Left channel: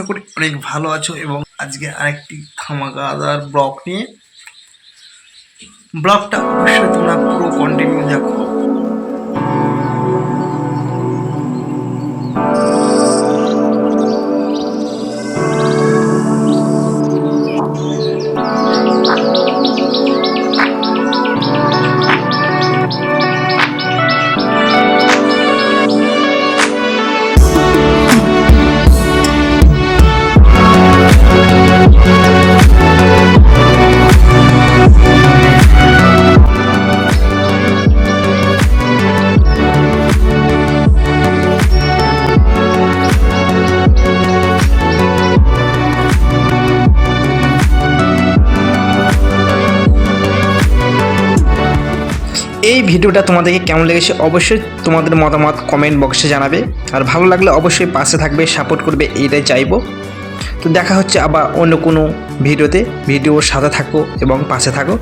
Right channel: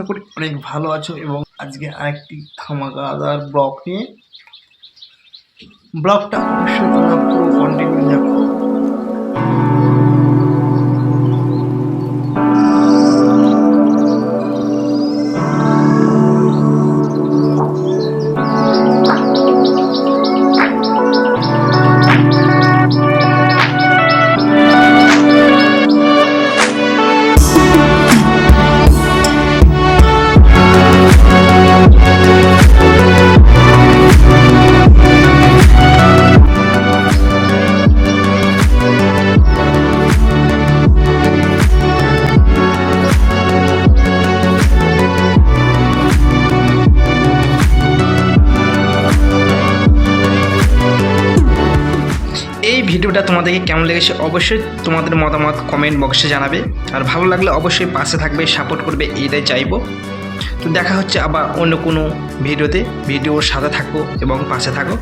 আশা করি অনেক ভালো আছো এবং আজকে আরেকটি ধামাকাদার ব্লগ নিয়ে। ব্লগটা অবশ্যই তোমরা পুরো কন্টিনিউ দেখো। এই ভিডিওটা তোমাদেরকে কেমন লেগেছে অবশ্যই তোমাদের মতামত কমেন্ট বক্সে জানাবে, আর ভালো লাগলে অবশ্যই পাশে থাকবে, সাপোর্ট করবে, এইটাই চাইবো। তো দেখা হচ্ছে আবার অন্য কোনো ভিডিওতে। ভিডিওর সাথে থাকো এবং পাশে থাকো।